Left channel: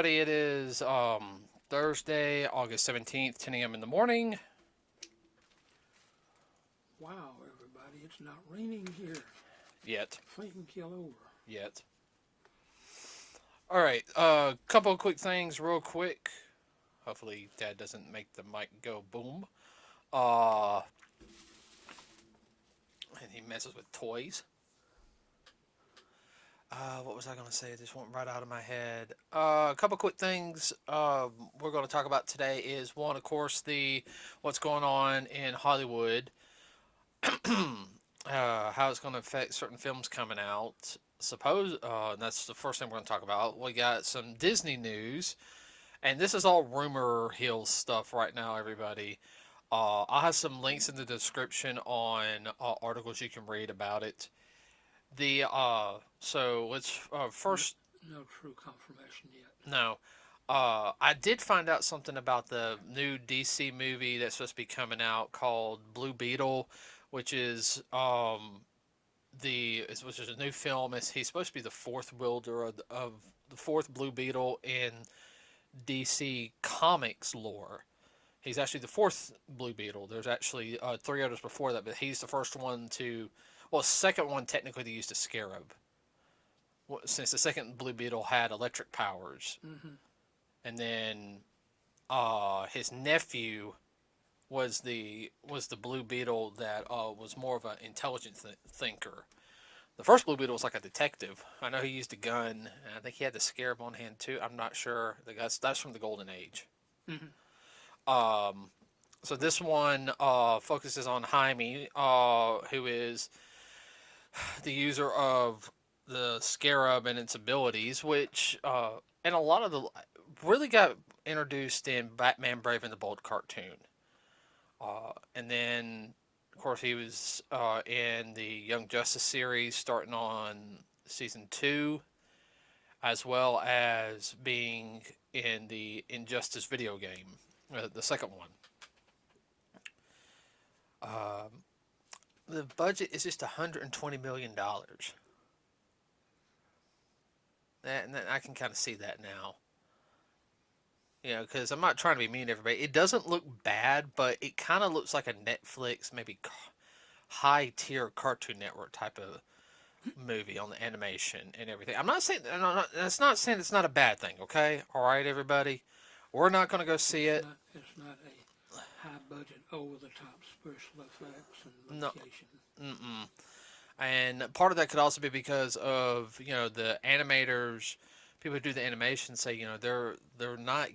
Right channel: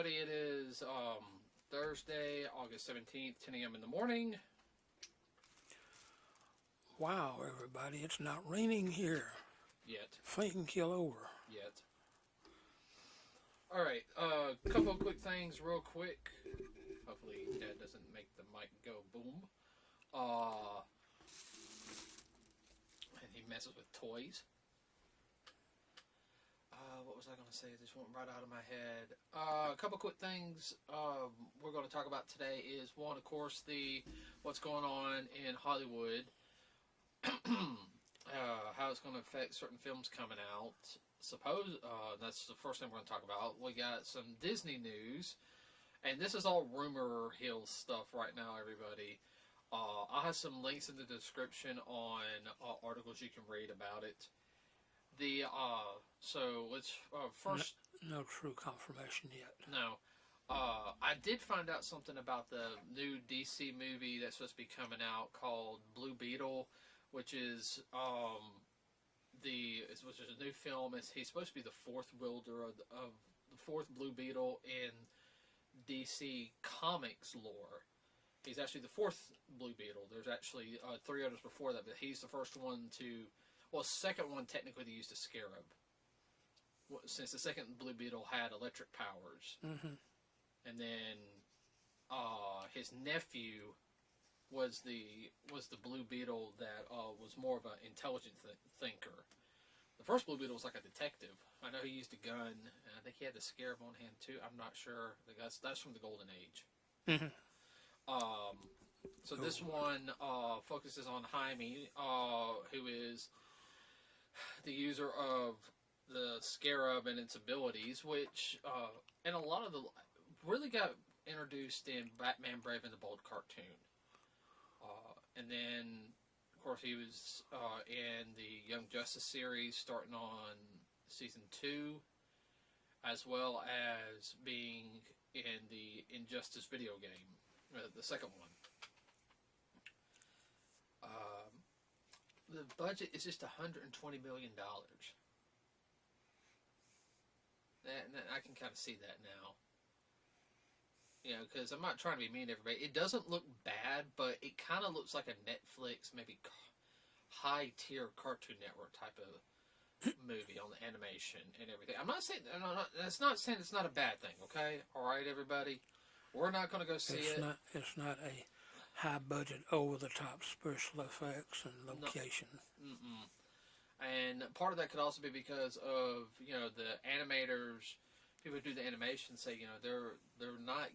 everybody. It is Thursday, August 17th, 10 a.m. in the morning. Wow, everybody, it's not raining here. Yet. Faint and kill over. Yet. All right, couple of quick things, real quick. Hopefully, Dad doesn't make the mic go boom. And he messes with toys. What was I going to say? It just went right out of my head. A couple quick things we're going to talk about today is one, of course, the what's going on in Hollywood, how it's going to affect certain films coming out. And that's the first thing we're going to talk about. We got some Disney news, and this is all rumor hill stuff right now, everybody. I'll have some links in the description on articles you can read about it. So let's first. No true confirmation yet. No, I did find out something about the new DC movie that's supposed to be coming out called Blue Beetle, which is which is a new film. He's supposed to be the fourth wielder of the fourth Blue Beetle in DC Comics lore. He's actually the fourth Blue Beetle. There's actually three others before that, but he's the first one to. Well, second one technically to use the Scarab, since the second Blue Beetle had electric powers, and then his nephew was the Blue Beetle that was more of an intelligent thinker. The first Blue Beetle was like a detective. I know he used a gun. And I think he had the Scarab on hand too. I'm not sure. That's from the Golden Age. So this one focuses on Jaime, who is the user of the Scarab and its abilities, which and a lot of the really got introduced in Batman Brave and the Bold cartoon, and then of course he was in the Young Justice series starting on season 2, as well as being in the Injustice video game, the second one. The budget is just $120 million. And I can kind of see that now. You know, because I'm not trying to be mean to everybody. It doesn't look bad, but it kind of looks like a Netflix, maybe high-tier Cartoon Network type of movie on the animation and everything. I'm not saying that's not saying it's not a bad thing. Okay, all right, everybody. We're not going to go see it. It's not a high-budget, over-the-top special effects and location. No. And part of that could also be because of the animators, people who do the animation say they're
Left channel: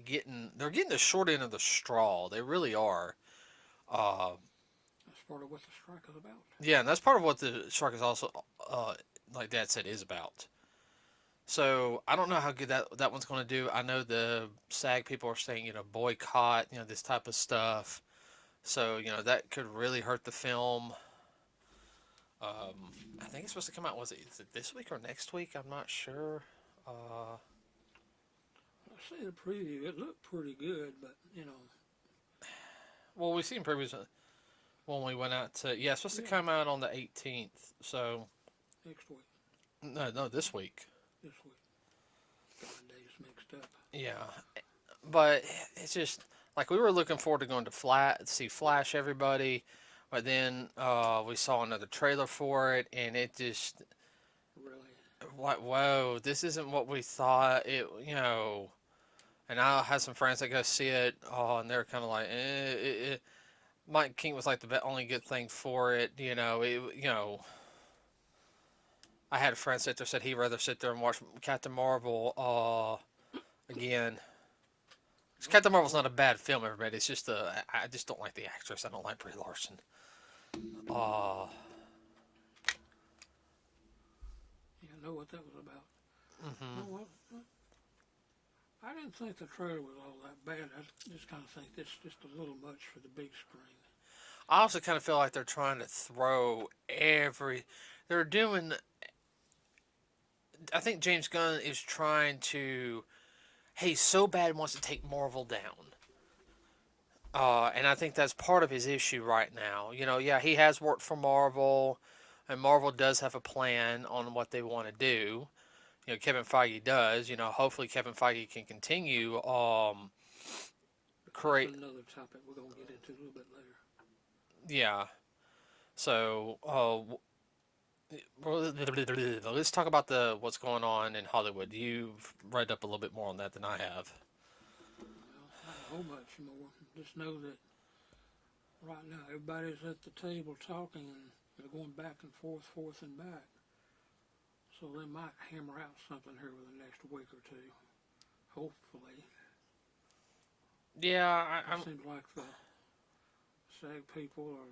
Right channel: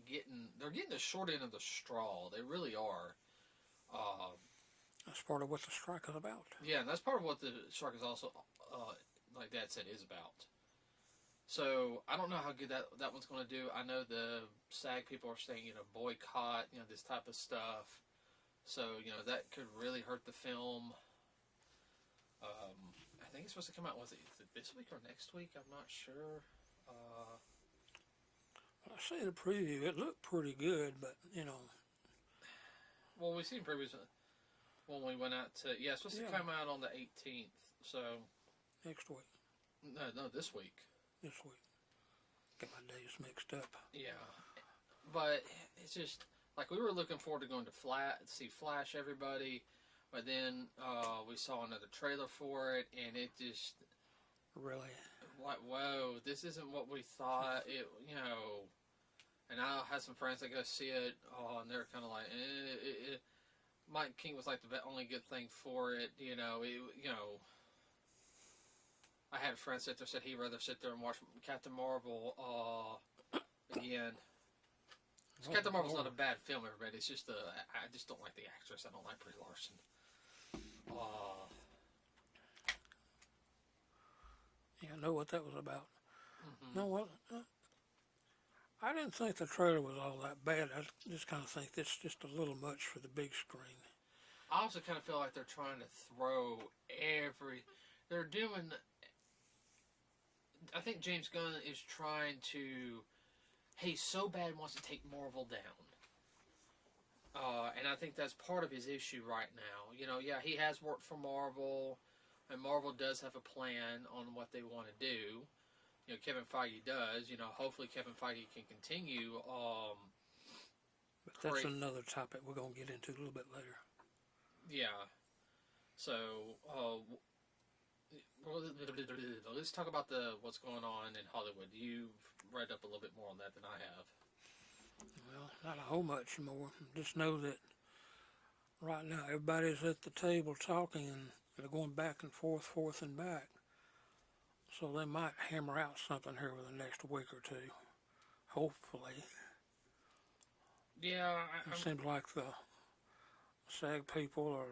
getting the short end of the straw. They really are. That's part of what the strike is about. Yeah, and that's part of what the strike is also, like Dad said, is about. So I don't know how good that one's going to do. I know the SAG people are saying boycott this type of stuff. So that could really hurt the film. I think it's supposed to come out. Is it this week or next week? I'm not sure. I see the preview. It looked pretty good, but Well, we've seen previews when we went out to. Yeah, it's supposed to come out on the 18th. So. Next week. No, this week. This week. Got my days mixed up. Yeah, but it's just like we were looking forward to going to see Flash, everybody. But then we saw another trailer for it, and it just really, like, whoa, this isn't what we thought. And I had some friends that go see it, and they're kind of like, Mike King was like the only good thing for it. I had a friend sit there said he'd rather sit there and watch Captain Marvel again. Because Captain Marvel's not a bad film, everybody. It's just I just don't like the actress. I don't like Brie Larson. Yeah, I know what that was about. No, well, I didn't think the trailer was all that bad. I just kind of think it's just a little much for the big screen. I also kind of feel like they're trying to throw they're doing. I think James Gunn is trying to. He so bad wants to take Marvel down. And I think that's part of his issue right now. Yeah, he has worked for Marvel, and Marvel does have a plan on what they want to do. Kevin Feige does. Hopefully Kevin Feige can continue. Create. That's another topic we're gonna get into a little bit later. Yeah. So, let's talk about what's going on in Hollywood. You've read up a little bit more on that than I have. Well, not a whole much more. Just know that right now everybody's at the table talking and they're going back and forth and back. So they might hammer out something here within the next week or two. Hopefully. Yeah, It seems like the SAG people or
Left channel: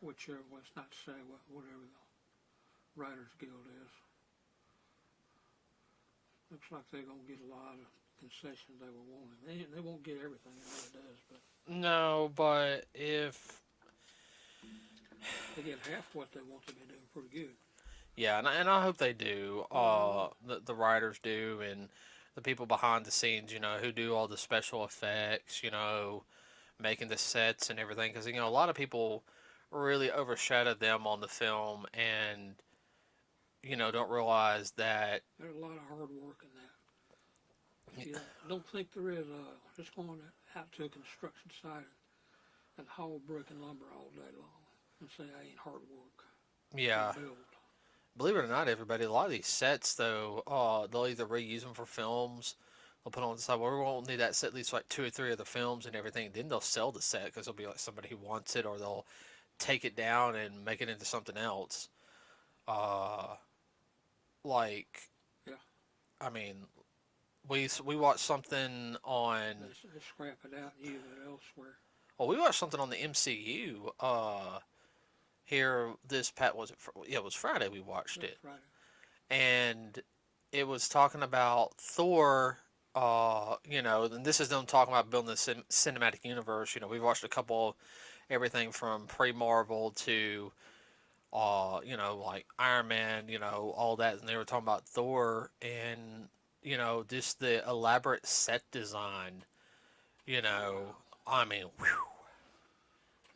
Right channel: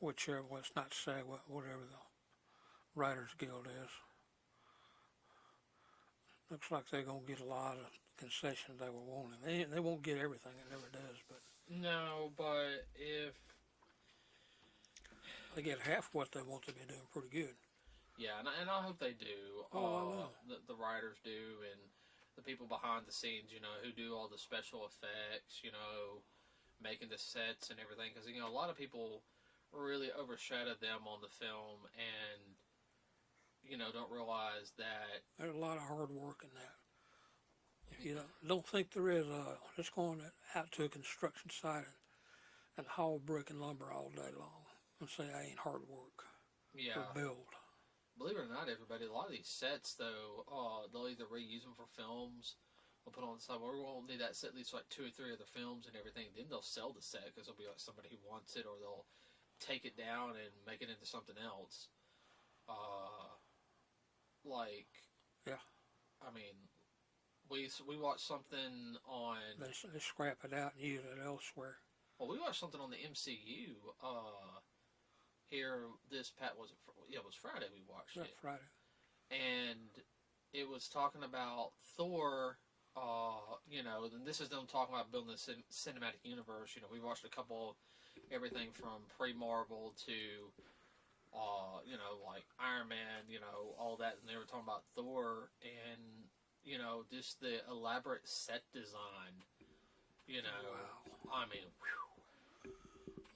whichever, well, it's not SAG, whatever the Writers Guild is. Looks like they're going to get a lot of concessions they were wanting. They won't get everything, it never does, but... No, but if... They get half what they want to be doing pretty good. Yeah, and I hope they do. The writers do, and the people behind the scenes, who do all the special effects, making the sets and everything. Because, a lot of people really overshadow them on the film and, don't realize that... There's a lot of hard work in that. If you don't think there is, just going out to a construction site and haul brick and lumber all day long and say I ain't hard work. Yeah. Build. Believe it or not, everybody, a lot of these sets, though, they'll either reuse them for films, they'll put on the side, well, we won't need that set at least like 2 or 3 of the films and everything, then they'll sell the set because there'll be like somebody who wants it, or they'll take it down and make it into something else. Yeah. I mean, we watched something on... They scrap it out and use it elsewhere. Well, we watched something on the MCU, here it was Friday we watched it. Friday. And it was talking about Thor, and this is them talking about building the cinematic universe. We've watched a couple, everything from pre-Marvel to, like Iron Man, all that. And they were talking about Thor and, just the elaborate set design, I mean, whew.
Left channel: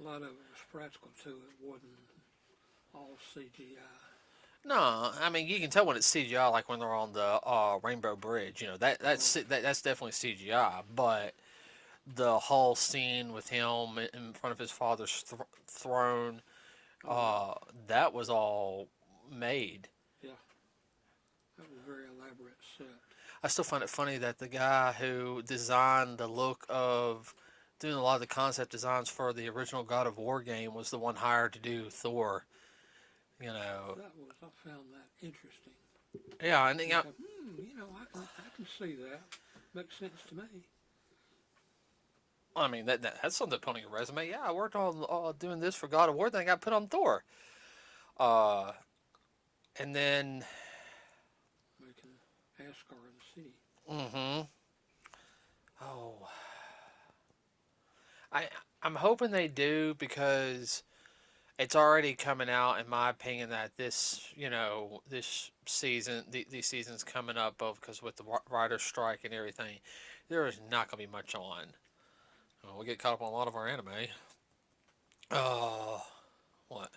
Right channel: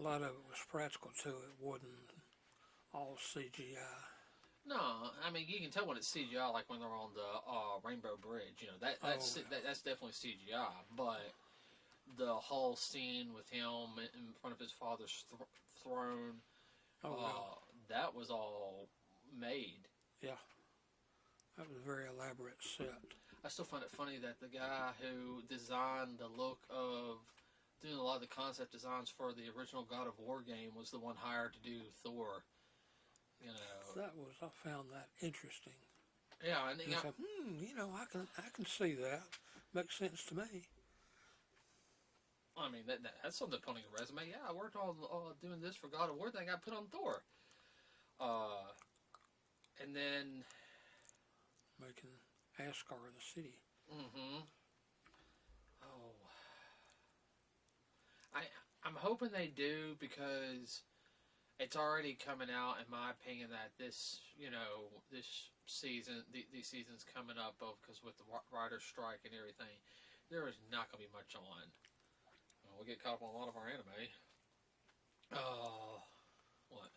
A lot of it was practical too. It wasn't all CGI. No, I mean you can tell when it's CGI, like when they're on the Rainbow Bridge. That's definitely CGI. But the whole scene with him in front of his father's throne, that was all made. Yeah, that was a very elaborate set. I still find it funny that the guy who designed the look of doing a lot of the concept designs for the original God of War game was the one hired to do Thor. I found that interesting. Yeah, and I can see that. Makes sense to me. I mean, that's something to put on your resume. Yeah, I worked on doing this for God of War, then I got put on Thor. And then... Making Asgard the city. Mm-hmm. Oh. I'm hoping they do, because it's already coming out, in my opinion, that this season, these seasons coming up, because with the writer's strike and everything, there is not going to be much on. We get caught up on a lot of our anime. What?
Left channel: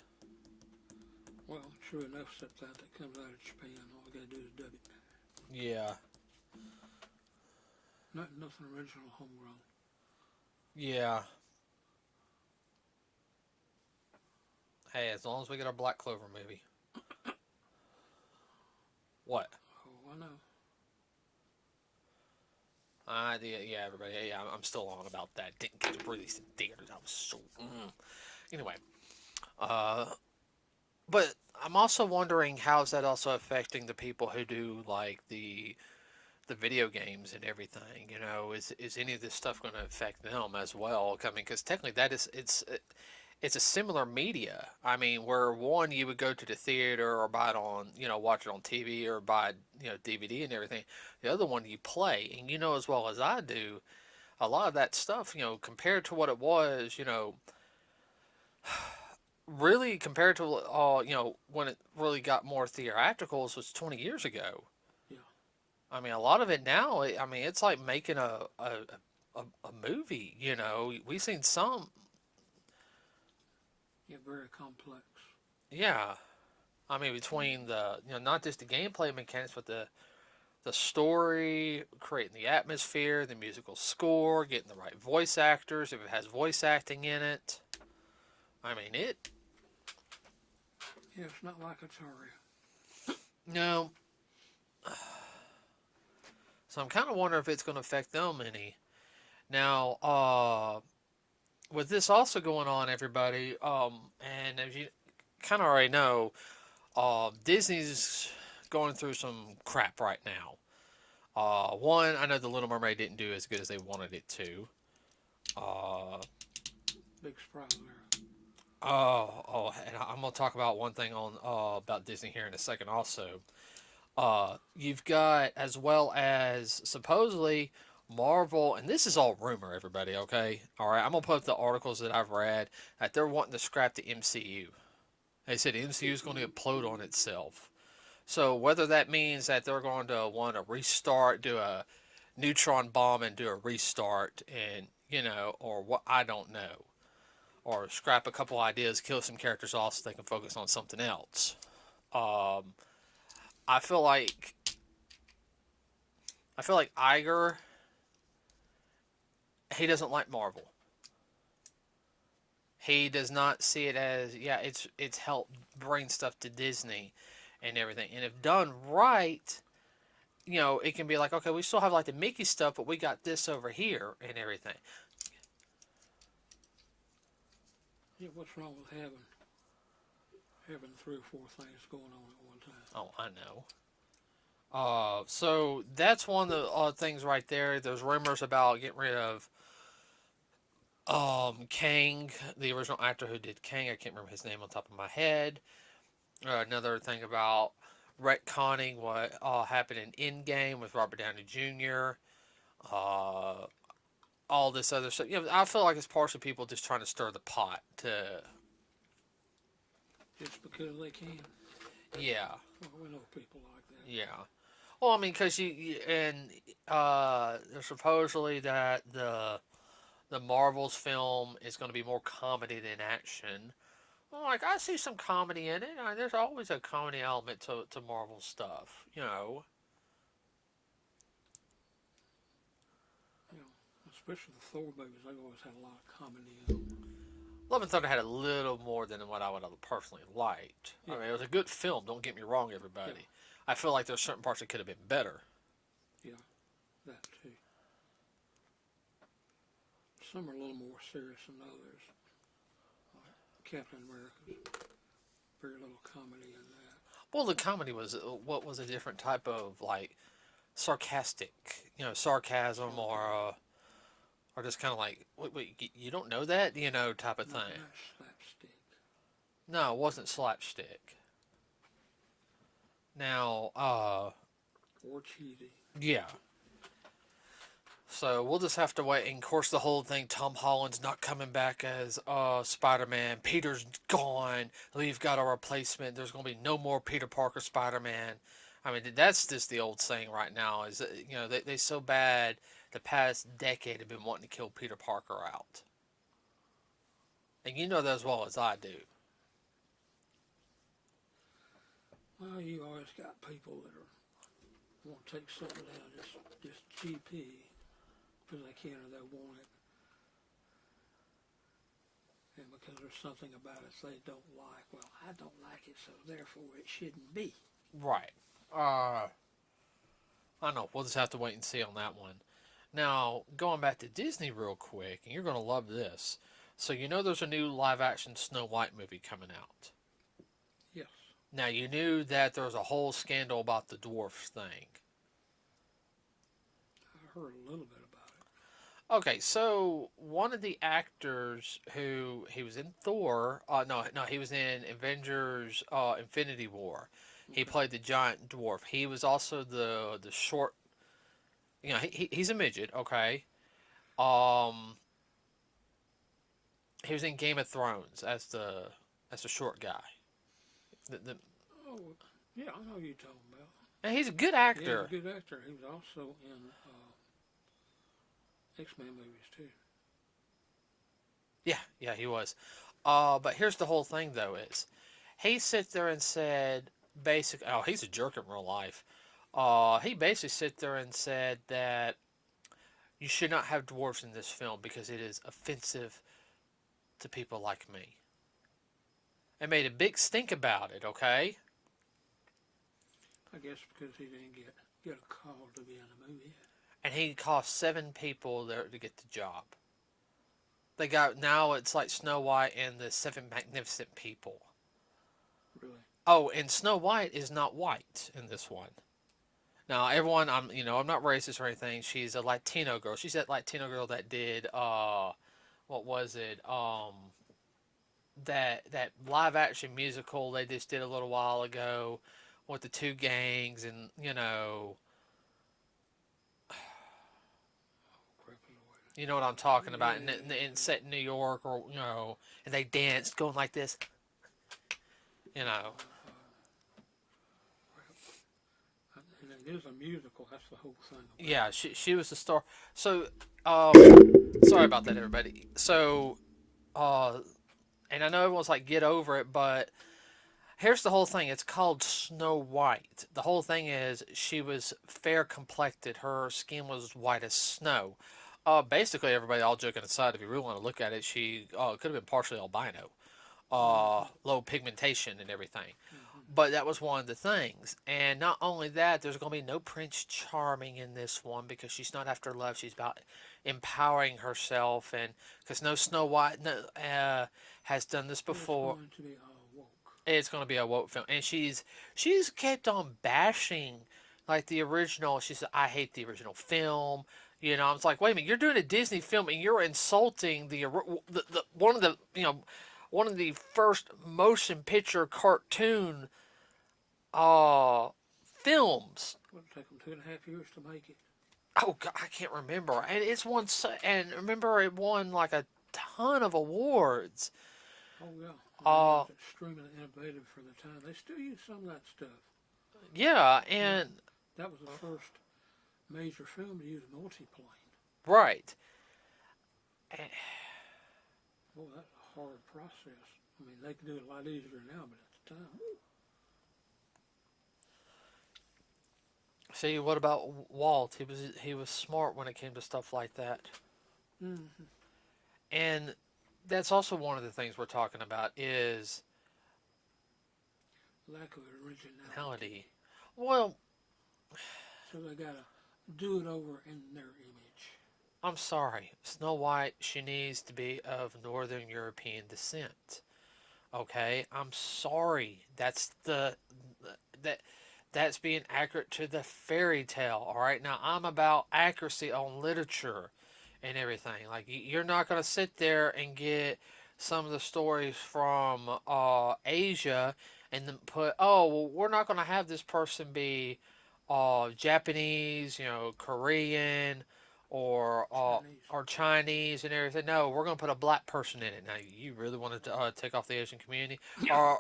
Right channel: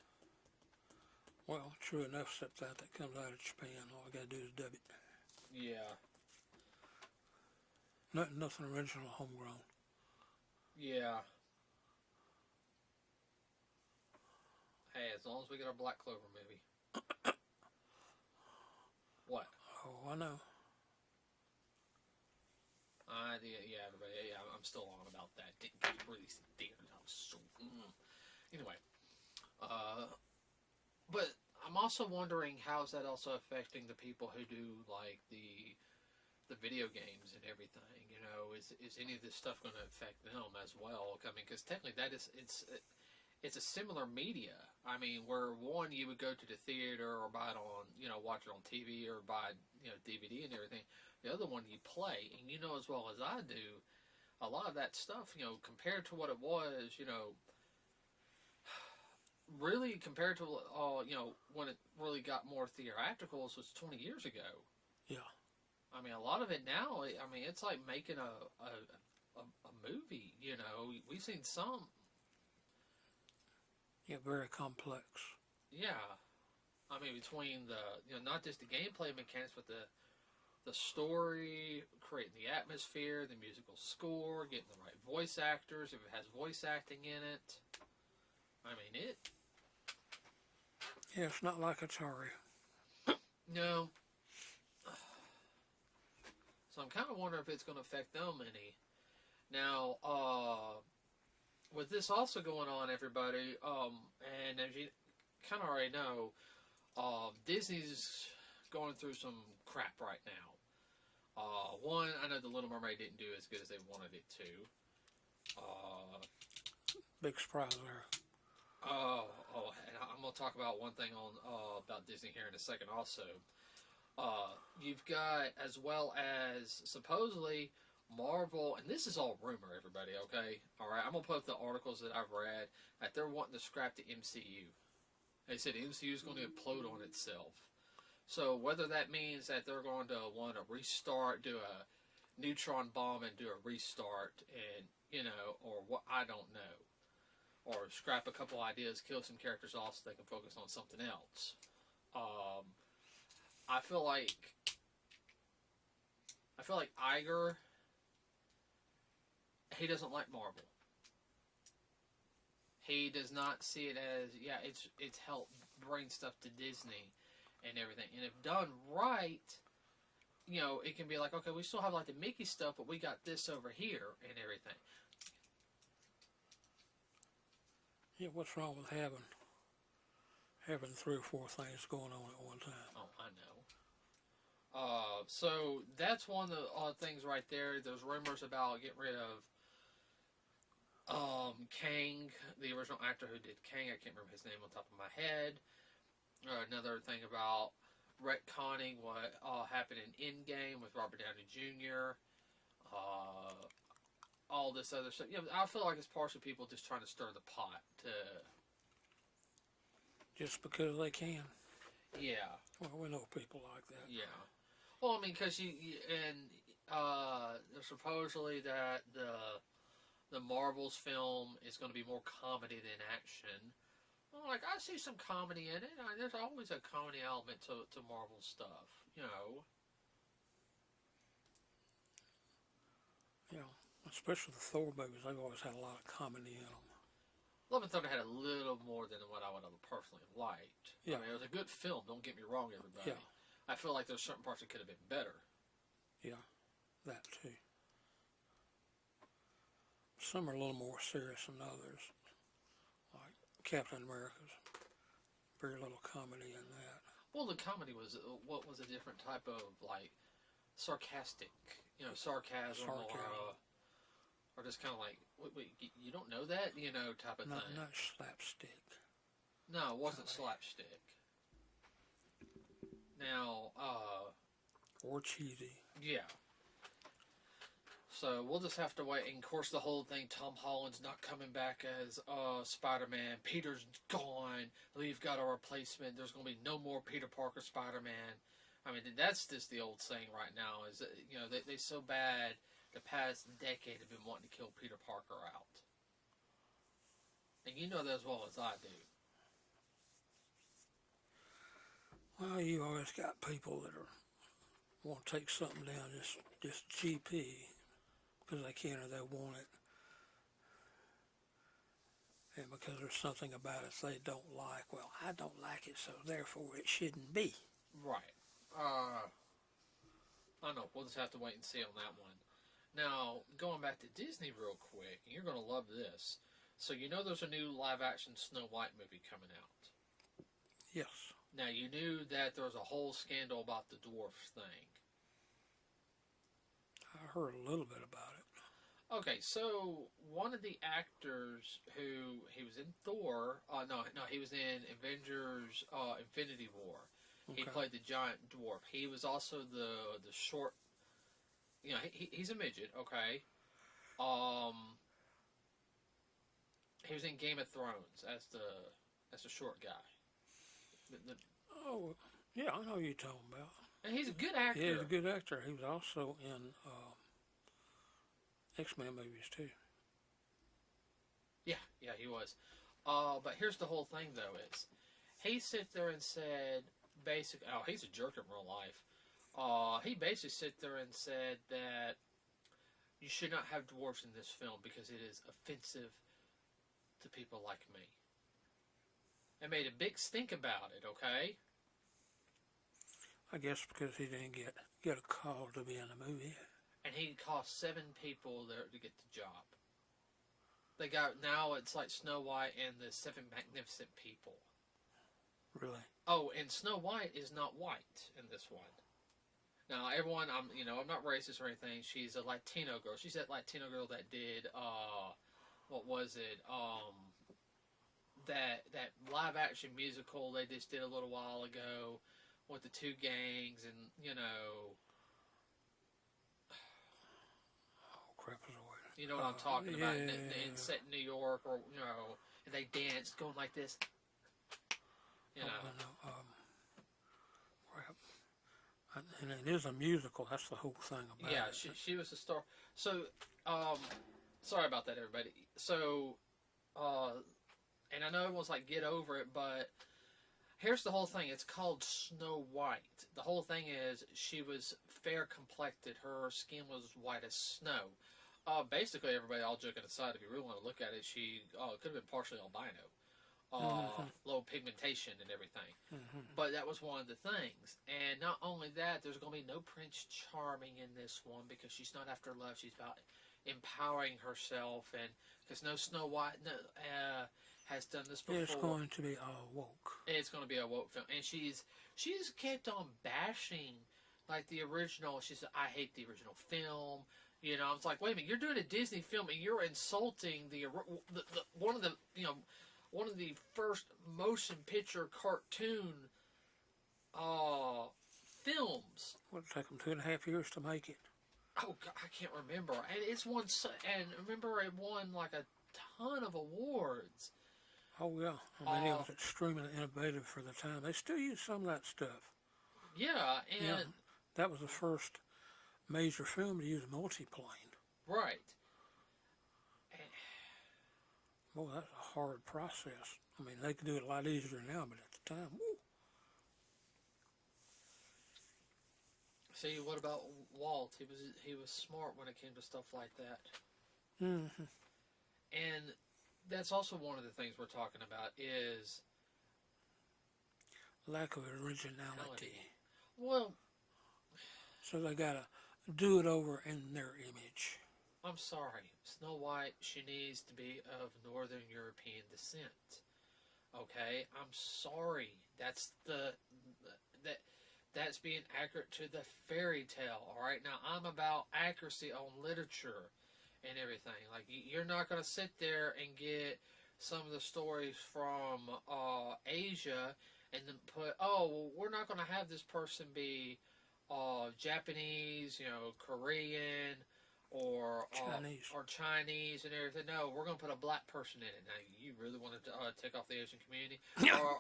Well, true enough, except that comes out of Japan. All I gotta do is dub it. Yeah. Nothing original, homegrown. Yeah. Hey, as long as we get our Black Clover movie. What? Oh, I know. Yeah, everybody. Yeah, I'm still on about that. Didn't get to release in theaters. I was so... Anyway. But I'm also wondering how is that also affecting the people who do, like, the video games and everything. Is any of this stuff going to affect them as well? I mean, because technically it's a similar media. I mean, where one, you would go to the theater or buy it on, watch it on TV or buy, DVD and everything. The other one you play, and as well as I do, a lot of that stuff, compared to what it was, really compared to, when it really got more theatricals was 20 years ago. Yeah. I mean, a lot of it now, it's like making a movie, We've seen some. Yeah, very complex. Yeah. I mean, between not just the gameplay mechanics, but the story, creating the atmosphere, the musical score, getting the right voice actors, if it has voice acting in it. I mean, Yeah, it's not like Atari. no. So I'm kind of wondering if it's going to affect them any. Now, with this also going on, everybody, and as you kind of already know, Disney's going through some crap right now. One, I know The Little Mermaid didn't do as good as they wanted it to. Uh, Big surprise there. and I'm gonna talk about one thing on about Disney here in a second. Also, you've got, as well as supposedly Marvel, and this is all rumor, everybody. Okay, all right. I'm gonna put up the articles that I've read that they're wanting to scrap the MCU. They said the MCU is going to implode on itself. So whether that means that they're going to want to restart, do a neutron bomb and do a restart, and or what, I don't know, or scrap a couple ideas, kill some characters off so they can focus on something else. Um, I feel like Iger, he doesn't like Marvel. He does not see it as, yeah, it's helped bring stuff to Disney and everything. And if done right, it can be like, okay, we still have like the Mickey stuff, but we got this over here and everything. Yeah, what's wrong with having 3 or 4 things going on at one time? Oh, I know. So that's one of the things right there. There's rumors about getting rid of Kang, the original actor who did Kang. I can't remember his name on top of my head. Another thing about retconning what happened in Endgame with Robert Downey Jr. All this other stuff. I feel like it's partially people just trying to stir the pot to. Just because they can. Yeah. Well, we know people like that. Yeah. Well, I mean, because there's supposedly that the Marvel's film is going to be more comedy than action. Well, like, I see some comedy in it. There's always a comedy element to Marvel stuff, Especially the Thor movies, they've always had a lot of comedy in them. Love and Thunder had a little more than what I would have personally liked. Yeah. I mean, it was a good film, don't get me wrong, everybody. Yeah. I feel like there's certain parts that could have been better. Yeah, that too. Some are a little more serious than others. Like Captain America's very little comedy in that. Well, the comedy was, what was a different type of, like, sarcastic, sarcasm. Or just kind of like, wait, you don't know that? Type of thing. Not slapstick. No, it wasn't slapstick. Now, or cheesy. Yeah. So we'll just have to wait. And of course, the whole thing, Tom Holland's not coming back as Spider-Man. Peter's gone. We've got a replacement. There's going to be no more Peter Parker Spider-Man. I mean, that's just the old saying right now. Is they so bad. The past decade have been wanting to kill Peter Parker out. And you know that as well as I do. Well, you always got people that want to take something down just GP because they can or they want it. And because there's something about it they don't like. Well, I don't like it, so therefore it shouldn't be. Right. I don't know. We'll just have to wait and see on that one. Now, going back to Disney real quick, and you're going to love this. So there's a new live-action Snow White movie coming out. Yes. Now, you knew that there was a whole scandal about the dwarfs thing. I heard a little bit about it. Okay, so one of the actors he was in Thor, he was in Avengers Infinity War. Okay. He played the giant dwarf. He was also the short. He's a midget, okay? He was in Game of Thrones as the short guy. Oh, yeah, I know who you're talking about. And he's a good actor. Yeah, he's a good actor. He was also in X-Men movies, too. Yeah, he was. But here's the whole thing, though, is He sit there and said, basically, oh, he's a jerk in real life. He basically sit there and said that you should not have dwarfs in this film because it is offensive to people like me. And made a big stink about it, okay? I guess because he didn't get a call to be in the movie. And he cost 7 people there to get the job. They got, now it's like Snow White and the 7 Magnificent People. Really? Oh, and Snow White is not white in this one. Now, everyone, I'm not racist or anything. She's a Latino girl. She's that Latino girl that did, what was it? That live action musical they just did a little while ago with the 2 gangs and, Crap is away. you know what I'm talking about, Yeah. and set in New York, or, and they danced going like this, Crap. And it is a musical. That's the whole thing about Yeah, it. she was the star. So, sorry about that, everybody. So, and I know everyone's like, get over it, but here's the whole thing. It's called Snow White. The whole thing is she was fair complected. Her skin was white as snow. Basically, everybody, all joking aside, if you really want to look at it, she could have been partially albino. Low pigmentation and everything. But that was one of the things. And not only that, there's going to be no Prince Charming in this one because she's not after love. She's about empowering herself. And because no Snow White has done this before. It's going to be all woke. It's going to be a woke film. And she's kept on bashing like the original. She said, I hate the original film. I was like, wait a minute, you're doing a Disney film and you're insulting the one of the first motion picture cartoon films. It would take them 2.5 years to make it. Oh God, I can't remember. And it's won, and remember it won like a ton of awards. Oh yeah, it was extremely innovative for the time. They still use some of that stuff. Yeah, and that was the first major film to use multiplane. Right. Well, that's a hard process. I mean, they could do it a lot easier now, but at the time, woo. See, what about Walt? He was smart when it came to stuff like that. Mm-hmm. And that's also one of the things we're talking about is lack of originality. Well, so they gotta do it over in their image. I'm sorry, Snow White. She needs to be of Northern European descent. Okay, I'm sorry. That's being accurate to the fairy tale. All right, now I'm about accuracy on literature and everything. Like, you're not going to sit there and get some of the stories from Asia and then put, oh, well, we're not going to have this person be Japanese, Korean, or Chinese and everything. No, we're going to put a black person in it. Now, you really want to take off the Asian community or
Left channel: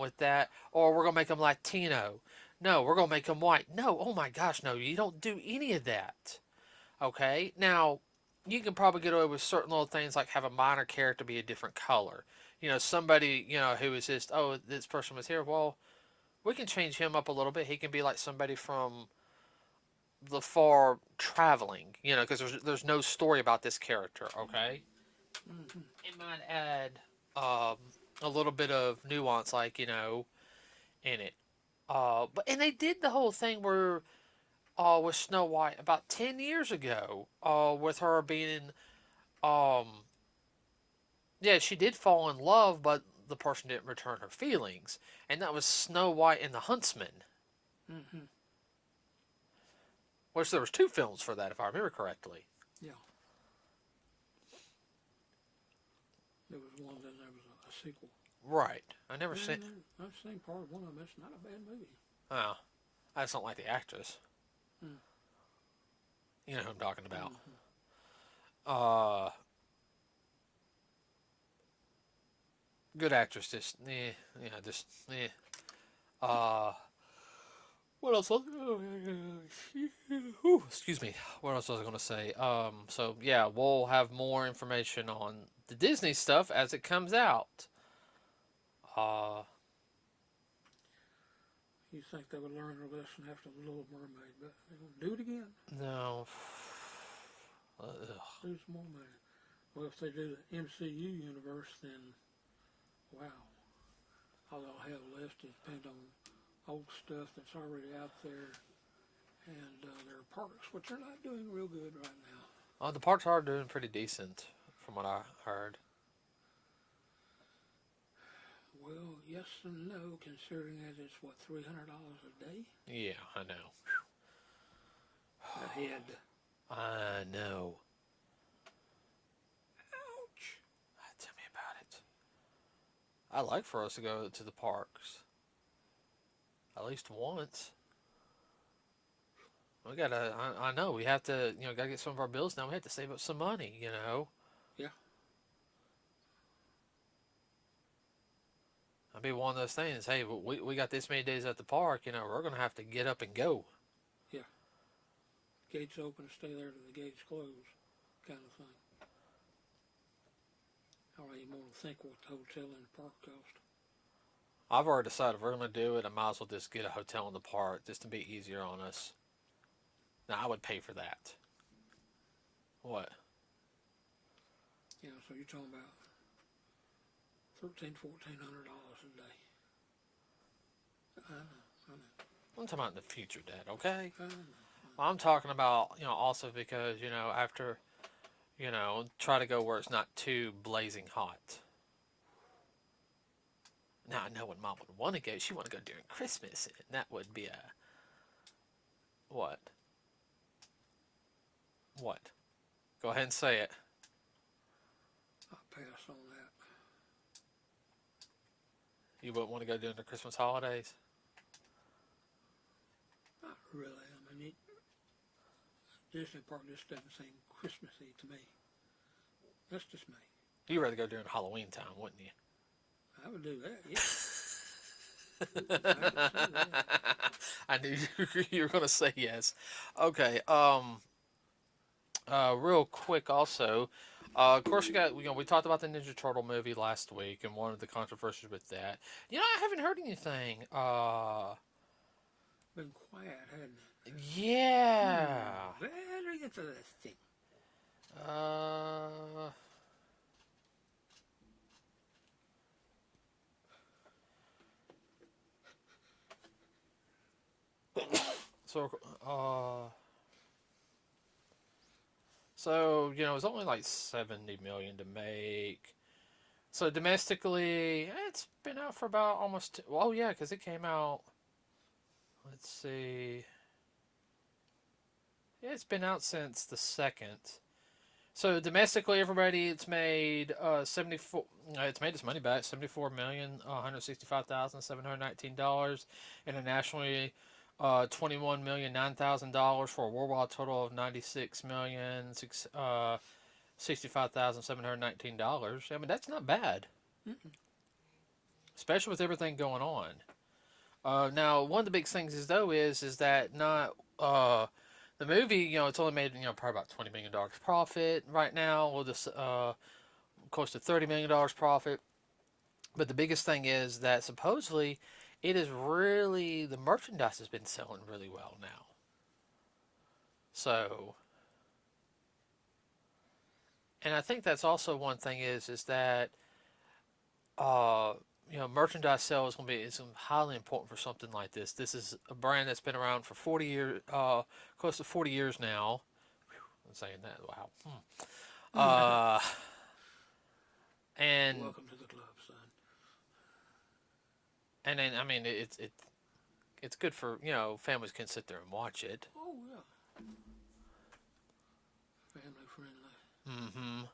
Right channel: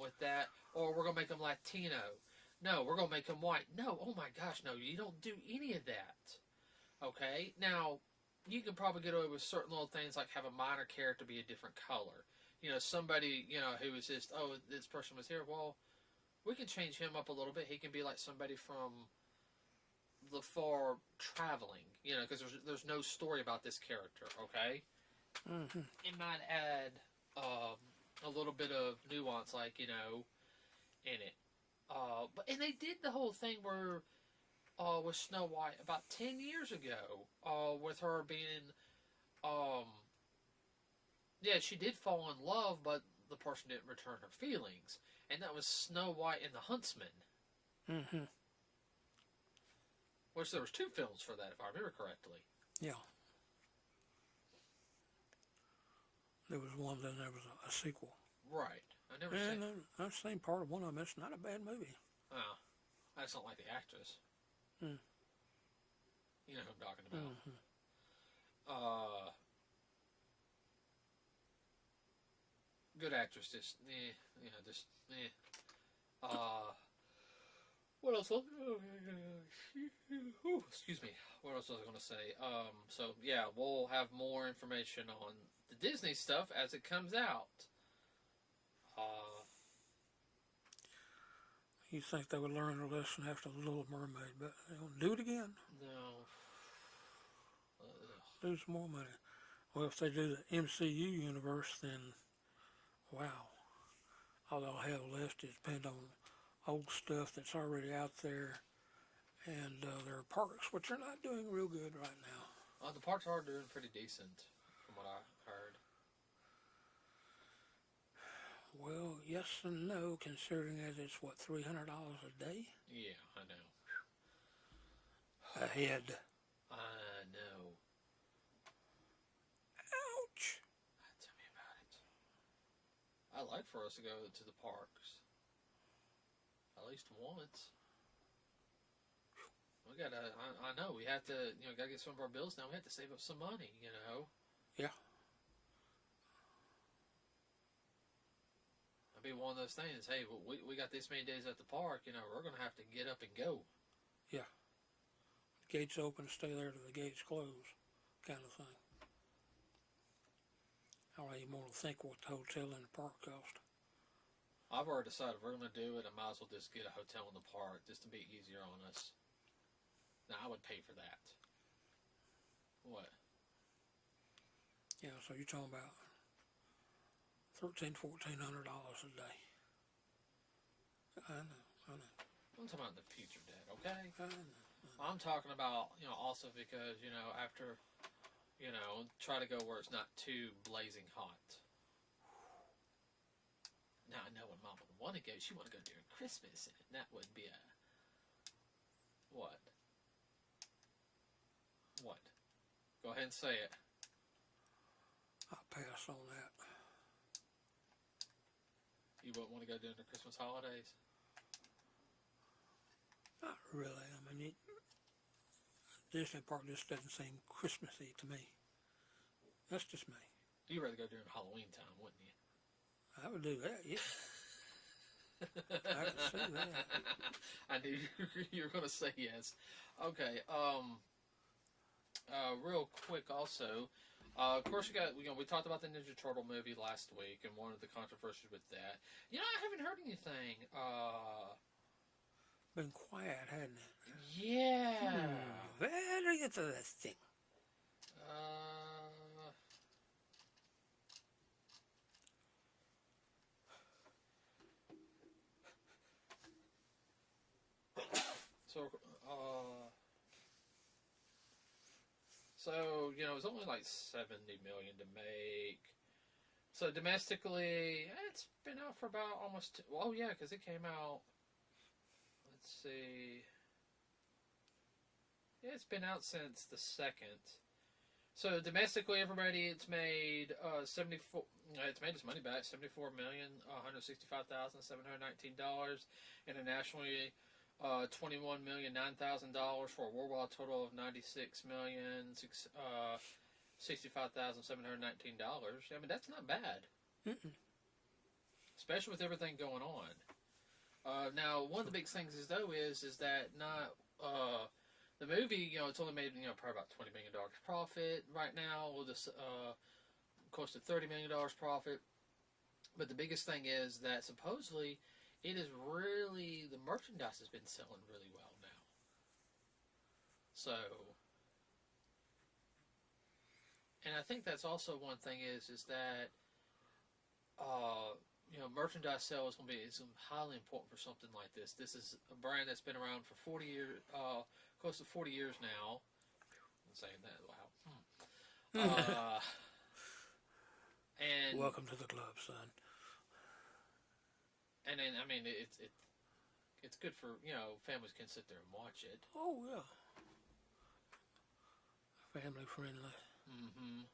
with that? Or we're going to make them Latino. No, we're going to make them white. No, oh my gosh, no, you don't do any of that. Okay? Now, you can probably get away with certain little things like have a minor character be a different color. Somebody, who is just, oh, this person was here. Well, we can change him up a little bit. He can be like somebody from the far traveling, because there's no story about this character, okay? Mm-hmm. It might add a little bit of nuance, like, in it. And they did the whole thing where with Snow White about 10 years ago, with her being, yeah, she did fall in love, but the person didn't return her feelings, and that was Snow White and the Huntsman. Mm-hmm. Which there was 2 films for that, if I remember correctly. Yeah. There was one, then there was a sequel. Right. I never seen. I've seen part of one of them. It's not a bad movie. Oh, I just don't like the actress. Mm. You know who I'm talking about. Mm-hmm. Good actress, just what else? Excuse me. What else was I going to say? So yeah, we'll have more information on the Disney stuff as it comes out. You think they would learn their lesson after the Little Mermaid, but they won't do it again. No. Lose more money. Well, if they do the MCU universe, then wow. All they'll have left is depend on old stuff that's already out there, and their parks, which are not doing real good right now. The parks are doing pretty decent, from what I heard. Well, yes and no, considering that it's what, $300 a day? Yeah, I know. A head. I know. Ouch. Tell me about it. I like for us to go to the parks. At least once. We gotta, I know, we have to, gotta get some of our bills now. We have to save up some money, Yeah. It'll be one of those things. Hey, we got this many days at the park. We're gonna have to get up and go. Yeah. Gates open, stay there till the gates close, kind of thing. I don't even want to think what the hotel in the park cost. I've already decided if we're gonna do it, I might as well just get a hotel in the park just to be easier on us. Now I would pay for that. What? Yeah, so you're talking about $1,400 a day. I know. I'm talking about in the future, Dad. Okay. I'm talking about also because after try to go where it's not too blazing hot. Now I know when Mom would want to go. She want to go during Christmas, and that would be a what? What? Go ahead and say it. I'll pass on that. You wouldn't want to go during the Christmas holidays? Not really. I mean, Disney Park just doesn't seem Christmassy to me. That's just me. You'd rather go during Halloween time, wouldn't you? I would do that, yeah. I would say that. I knew you were going to say yes. Okay. Real quick, also, of course, we talked about the Ninja Turtle movie last week and one of the controversies with that. I haven't heard anything. Been quiet, hadn't it? Yeah. Better get to this thing. So, it's only like 70 million to make. So domestically, it's been out for about almost. Well, yeah, because it came out. Let's see. Yeah, it's been out since the 2nd. So domestically, everybody, it's made 74. It's made its money back, $74,165,719. Internationally, $21,009,000 for a worldwide total of $96,065,719. I mean, that's not bad, especially with everything going on. Now, one of the big things is that not the movie. It's only made probably about $20 million profit right now. We'll just close to $30 million profit. But the biggest thing is that supposedly it is really the merchandise has been selling really well now. So, and I think that's also one thing is that merchandise sales is highly important for something like this. This is a brand that's been around for 40 years, close to 40 years now. I'm saying that, wow. And welcome to the club, son. And then, I mean, it's good for, families can sit there and watch it. Oh, yeah. Family friendly. Mm-hmm.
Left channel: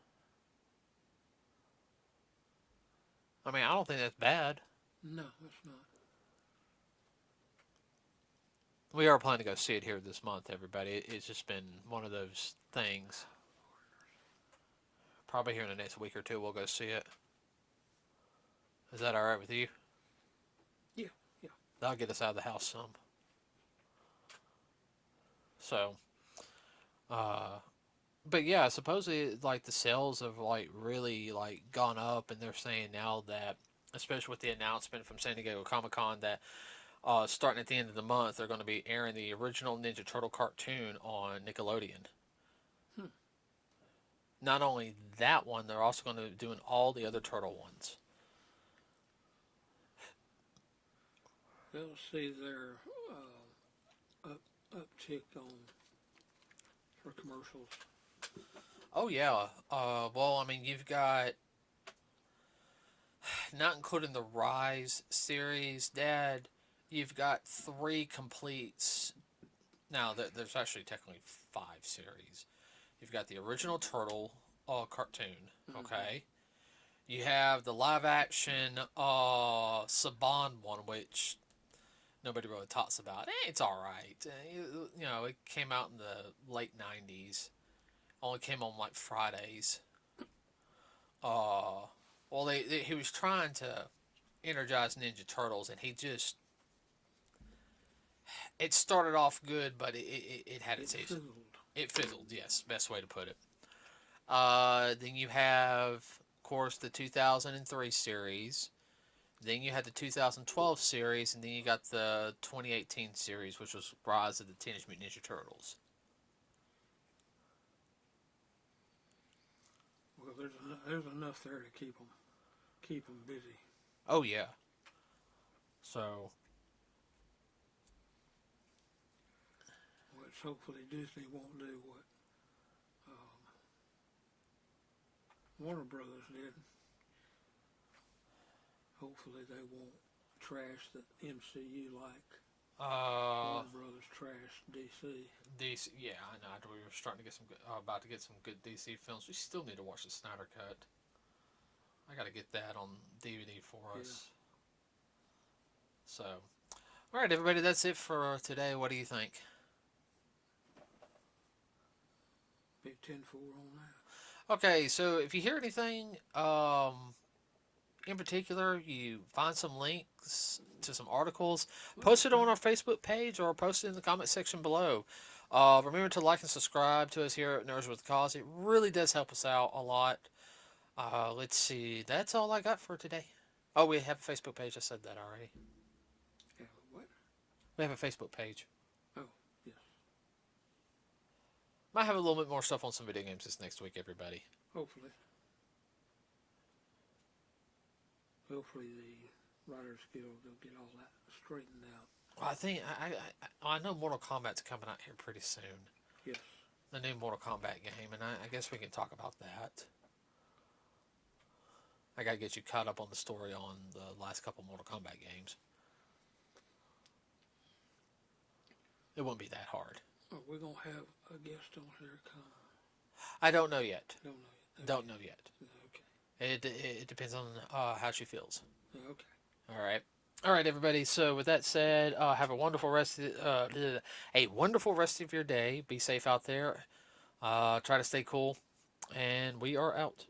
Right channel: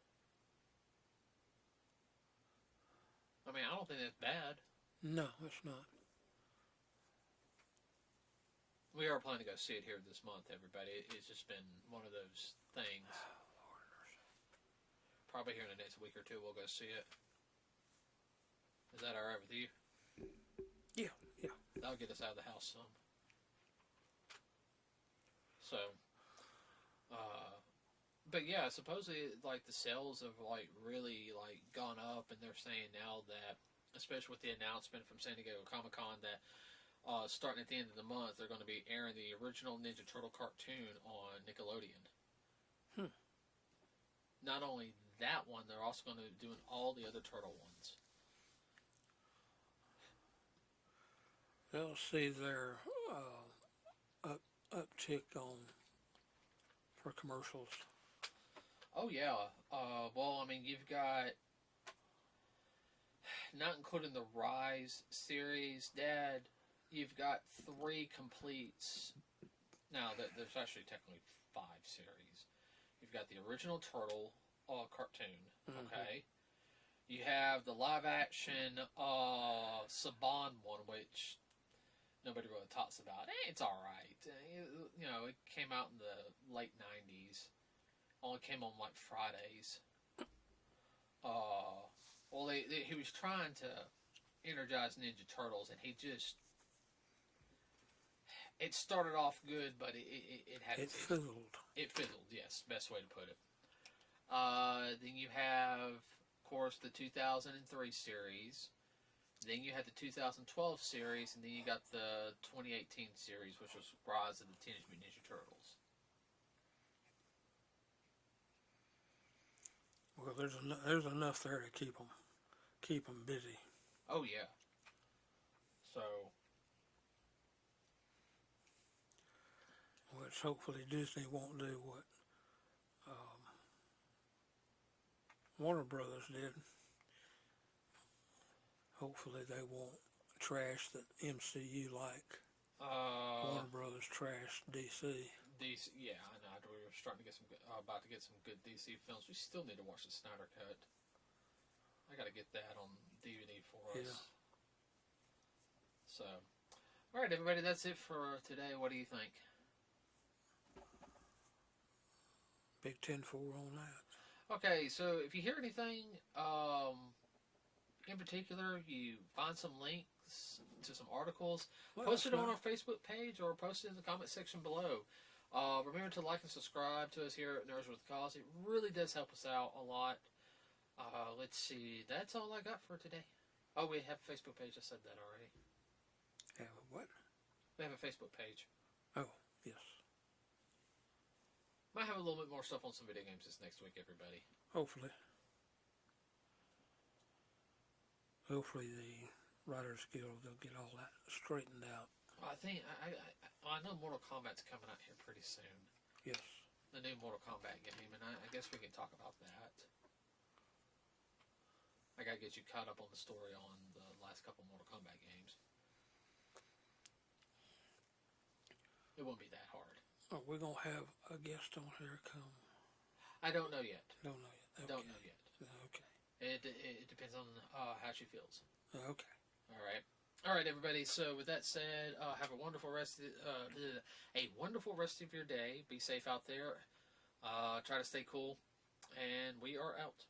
I mean, I don't think that's bad. No, it's not. We are planning to go see it here this month, everybody. It's just been one of those things. Probably here in the next week or two, we'll go see it. Is that all right with you? Yeah. That'll get us out of the house some. So, but yeah, supposedly like the sales have like really like gone up, and they're saying now that, especially with the announcement from San Diego Comic-Con, that starting at the end of the month, they're going to be airing the original Ninja Turtle cartoon on Nickelodeon. Hmm. Not only that one, they're also going to be doing all the other Turtle ones. They'll see their uptick on for commercials. Oh yeah. Well, I mean, you've got, not including the Rise series, Dad. You've got 3 completes. Now, there's actually technically 5 series. You've got the original Turtle cartoon. Okay. You have the live action Saban one, which nobody really talks about. It's alright. It came out in the late 90s. Only came on like Fridays. Well, he was trying to energize Ninja Turtles, and he just. It started off good, but it had its issues. Fizzled. It fizzled, yes. Best way to put it. Then you have, of course, the 2003 series. Then you had the 2012 series, and then you got the 2018 series, which was Rise of the Teenage Mutant Ninja Turtles. Well, there's enough there to keep them busy. Oh yeah. So. Which hopefully Disney won't do what Warner Brothers did. Hopefully they won't trash the MCU like Warner Brothers trashed DC. DC, yeah, I know. We were starting to get about to get some good DC films. We still need to watch the Snyder Cut. I got to get that on DVD for us. So, all right, everybody, that's it for today. What do you think? Big 10-4 on that. Okay, so if you hear anything in particular, you find some links to some articles, post it on our Facebook page or post it in the comment section below. Remember to like and subscribe to us here at Nerds with a Cause. It really does help us out a lot. Let's see. That's all I got for today. Oh, we have a Facebook page. I said that already. Yeah, what? We have a Facebook page. Oh, yes. Might have a little bit more stuff on some video games this next week, everybody. Hopefully. Hopefully the Writers Guild, they'll get all that straightened out. Well, I think I know Mortal Kombat's coming out here pretty soon. Yes. The new Mortal Kombat game, and I guess we can talk about that. I gotta get you caught up on the story on the last couple Mortal Kombat games. It won't be that hard. Oh, we're going to have a guest on here come. I don't know yet. Don't know yet. Okay. Don't know yet. Okay. It depends on how she feels. Okay. All right, everybody. So with that said, have a wonderful rest of your day. Be safe out there. Try to stay cool, and we are out.